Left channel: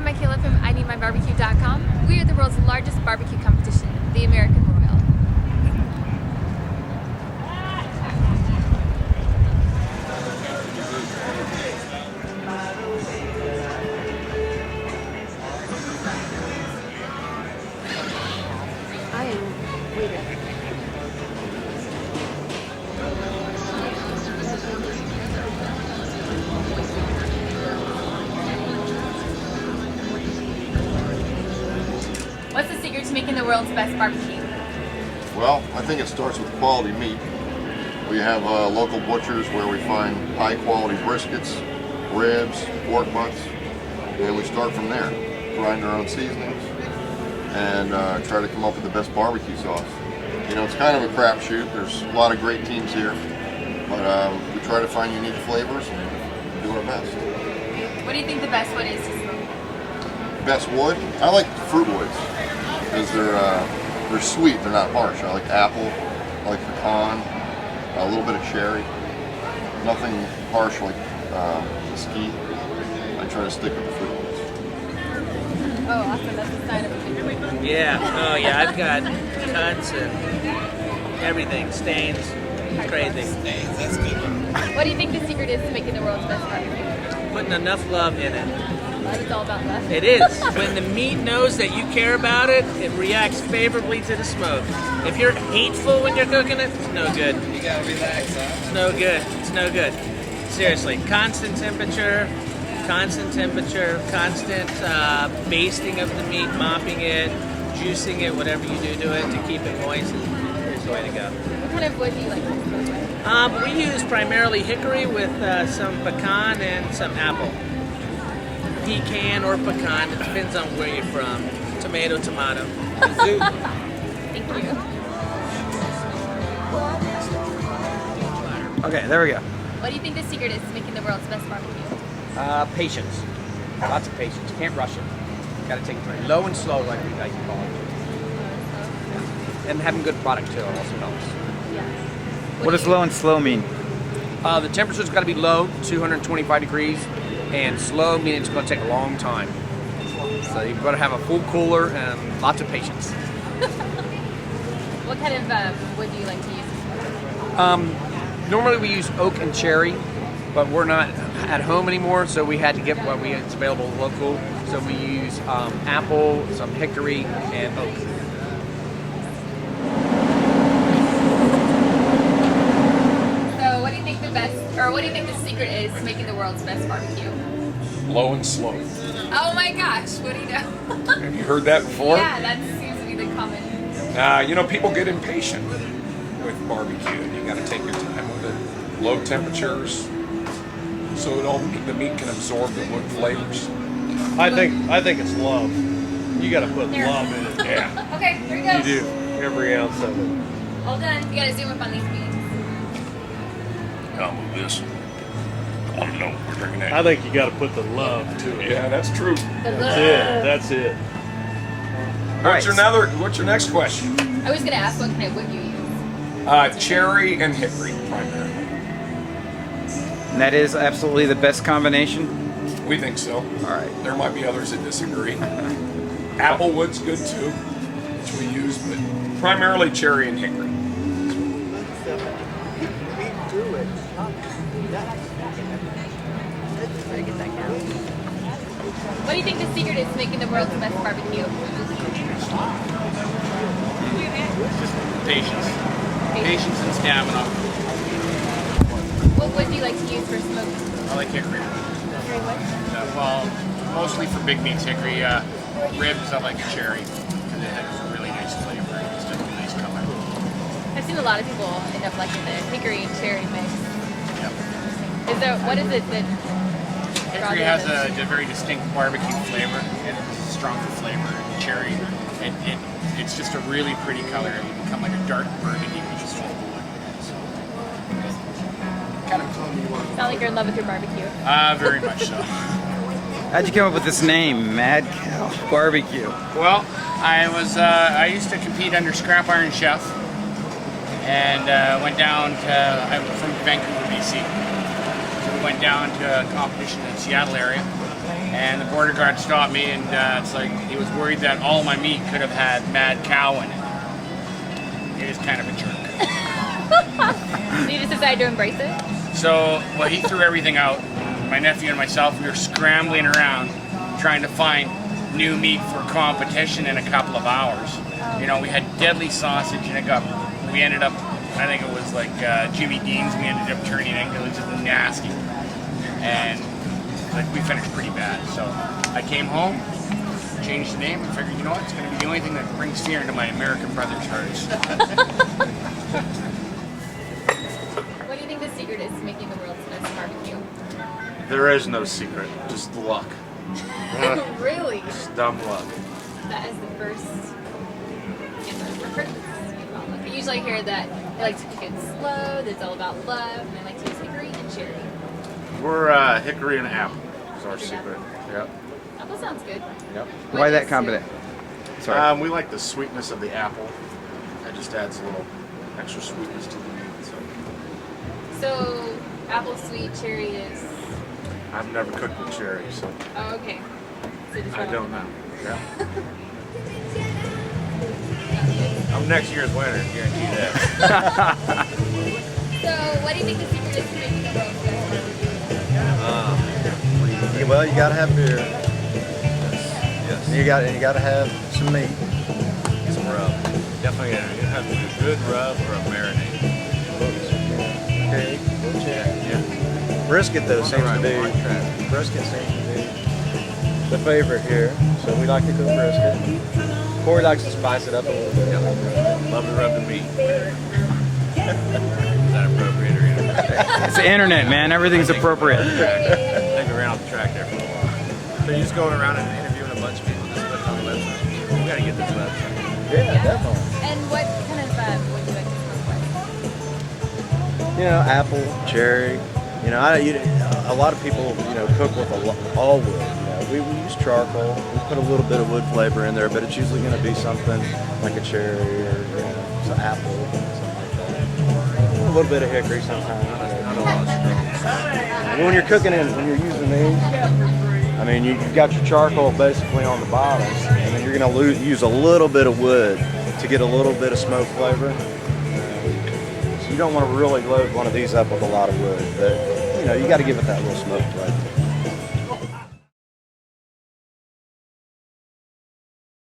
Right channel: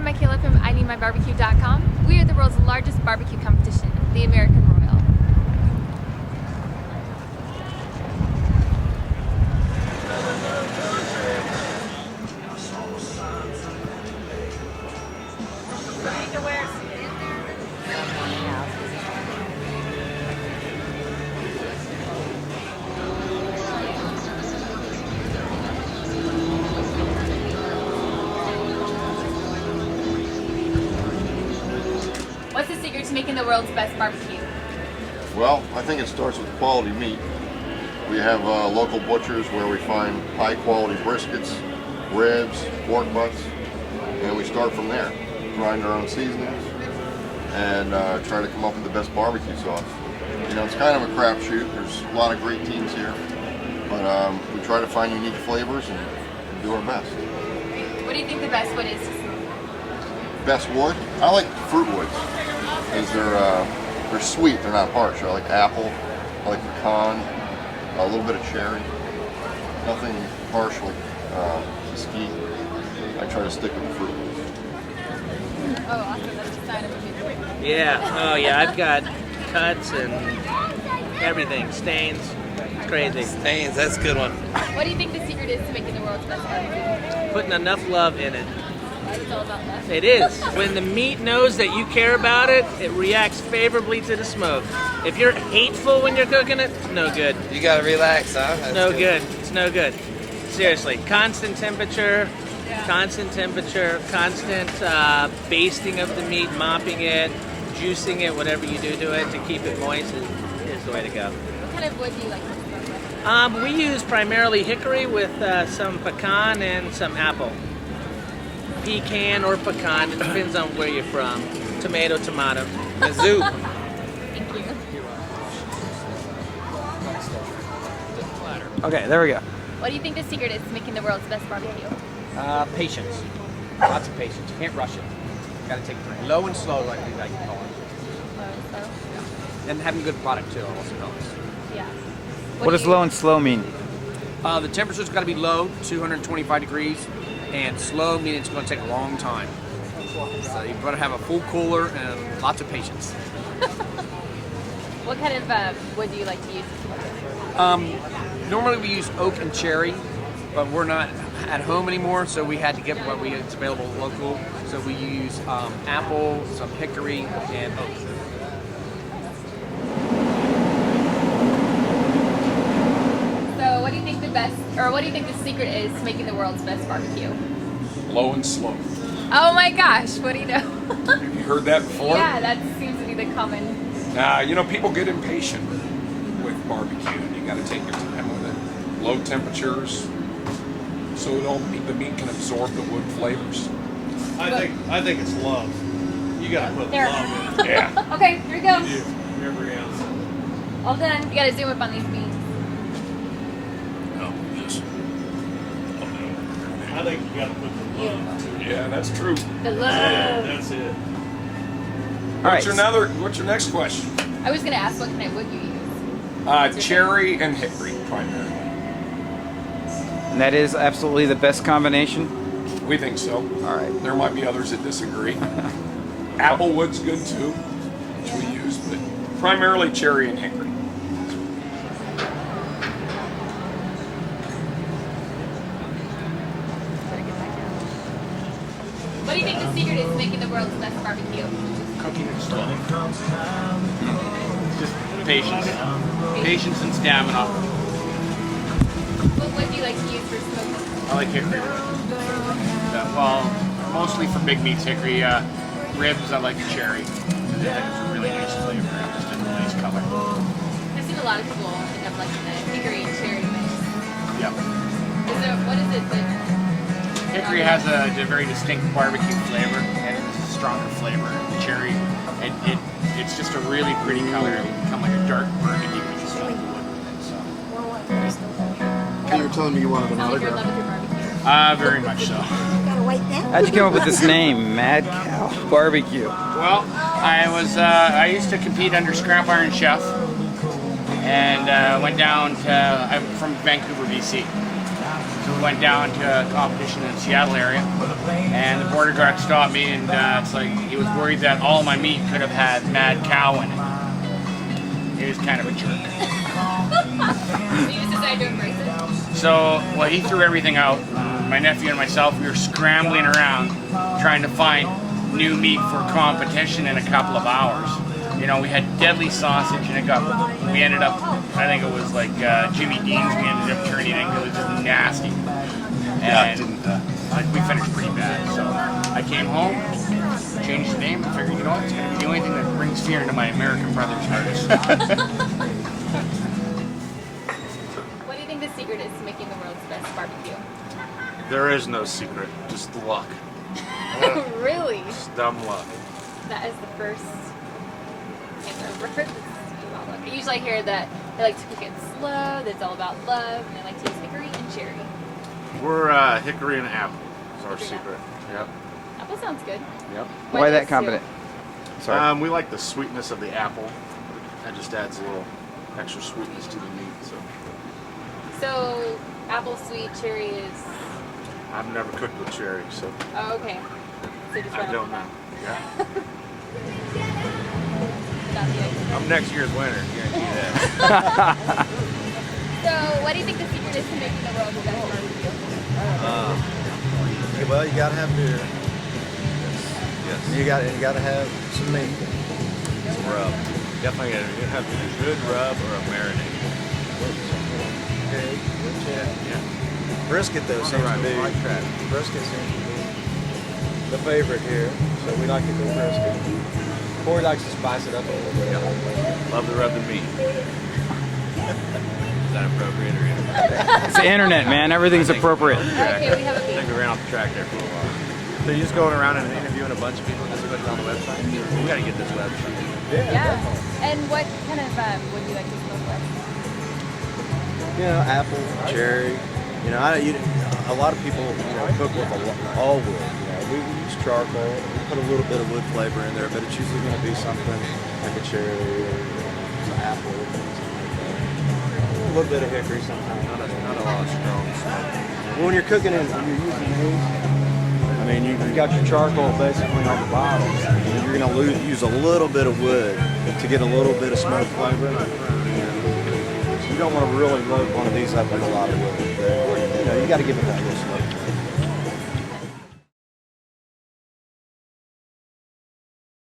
I'm Michaela from IneedMyBarbecue.com. We are the world's largest barbecue competition, the American Royal. What's the secret to making the world's best barbecue? Well, I think it starts with quality meat. We have local butchers where we find high quality briskets, ribs, pork butts, and we start from there. Grind our own seasonings and try to come up with the best barbecue sauce. You know, it's kind of a crapshoot. There's a lot of great teams here, but we try to find unique flavors and do our best. What do you think the best wood is to smoke? Best wood? I like fruit woods because they're sweet. They're not harsh. I like apple. I like pecan. A little bit of cherry. Nothing harsh like mesquite. I try to stick with the fruit woods. Oh, awesome! That's a sign of a big cook, right? Yeah. Oh, yeah. I've got cuts and everything. Stains. It's crazy. Stains, that's a good one. What do you think the secret is to making the world's best barbecue? Putting enough love in it. Love, it's all about love. It is. When the meat knows that you care about it, it reacts favorably to the smoke. If you're hateful when you're cooking it, it's no good. You gotta relax, huh? It's no good. It's no good. Seriously, constant temperature, constant basting of the meat, mopping it, juicing it, whatever you do to it to keep it moist is the way to go. What kind of wood do you like to smoke with? We use primarily hickory with some pecan and some apple. Pecan or pecan, it depends on where you're from. Tomato. Thank you. Okay, there we go. What do you think the secret is to making the world's best barbecue? Patience. Lots of patience. Can't rush it. Gotta take your time. Low and slow, like we like to call it. Low and slow? Yeah. And having good product too also helps. Yeah. What do you? Low and slow mean? The temperature's got to be low, 225 degrees, and slow meaning it's going to take a long time. So you've got to have a full cooler and lots of patience. What kind of wood do you like to use to smoke with? Normally we use oak and cherry, but we're not at home anymore, so we had to get what is available local. So we use apple, some hickory, and oak. So, what do you think the secret is to making the world's best barbecue? Low and slow. Oh my gosh, what do you know? Have you heard that before? Yeah, that seems to be the common. You know, people get impatient with barbecue, and you got to take your time with it. Low temperatures, so that all the meat can absorb the wood flavors. I think it's love. You got to put There. love in it. Yeah. Okay, here we go. You do every ounce of it. All done. You gotta zoom up on these beans. Come with this. I don't know what we're drinking I at. think you got to put the love to it. Yeah, that's true. The love. That's it. What's your next question? I was gonna ask what kind of wood you use. Cherry and hickory primarily. That is absolutely the best combination. We think so. There might be others that disagree. Applewood's good too, which we use, but primarily cherry and hickory. What do you think the secret is to making the world's best barbecue? Cooking it slow. It's just patience and stamina. What wood do you like to use for smoking? I like hickory wood. Hickory wood? Well, mostly for big meats, hickory. Ribs, I like cherry because it has a really nice flavor and just a nice color. I've seen a lot of people end up liking the hickory and cherry mix. Yep. What is it that? Hickory has a very distinct barbecue flavor and it's a stronger flavor. And the cherry, it's just a really pretty color. It'll become like a dark burgundy when you smoke the wood with it. So, Kind of told me you wanted Sound like you're in love with your barbecue. very much so. How'd you go with this name, Mad Barbecue? Well, I used to compete under Scrap Iron Chef, and went down to. I'm from Vancouver, BC, so we went down to a competition in the Seattle area, And the border guard stopped me, and it's like he was worried that all my meat could have had mad cow in it. He was kind of a jerk. So you just decided to embrace it? So, well, he threw everything out. And my nephew and myself, we were scrambling around trying to find new meat for competition in a couple of hours. You know, we had deadly sausage, and we ended up, I think it was like Jimmy Dean's, we ended up turning in. It was just nasty. And like we finished pretty bad. So I came home, changed the name, and figured, you know what, it's going to be the only thing that brings fear into my American brothers' hearts. What do you think the secret is to making the world's best barbecue? There is no secret, just luck. Really? Just dumb luck. That is the first answer I've heard that's about luck. I usually hear that they like to cook it slow, that it's all about love, and they like to use hickory and cherry. We're hickory and apple is our Hickory and secret. Yep. Apple sounds good. Yep. Why Why those that two? combination? We like the sweetness of the apple. That just adds a little extra sweetness to the meat. So, apple sweet, cherry is... I've never cooked with cherry, so Oh, okay. So just I run don't off know. Yeah. Gotcha. I'm next year's winner, guarantee that. So, what do you think the secret is to making the world's best barbecue? Well, you gotta have beer. Yes. And you gotta have some meat. Some rub. Definitely you have a good rub or a marinade. Pig, Yeah. brisket though seems to be Right track. brisket seems to be the favorite here. So we like to go brisket. Corey likes to spice it up a little bit. Love to rub the meat. Is that appropriate or inappropriate? I think we went off the track. I think we ran off the track there for a while. So you're just going around and interviewing a bunch of people, just putting it on the website. We got to get this website. Yeah, definitely. And what kind of would you like to smoke with? You know, apple, cherry. You know, a lot of people, cook with all wood. You know, we use charcoal. We put a little bit of wood flavor in there, but it's usually going to be something like a cherry or some apple, something like that. A little bit of hickory sometimes. Not a lot of strong smoke. Well, when you're cooking when you're using these, I mean, you've got your charcoal basically on the bottom, and then you're going to use a little bit of wood to get a little bit of smoke flavor. So you don't want to really load one of these up with a lot of wood, but you got to give it that little smoke flavor.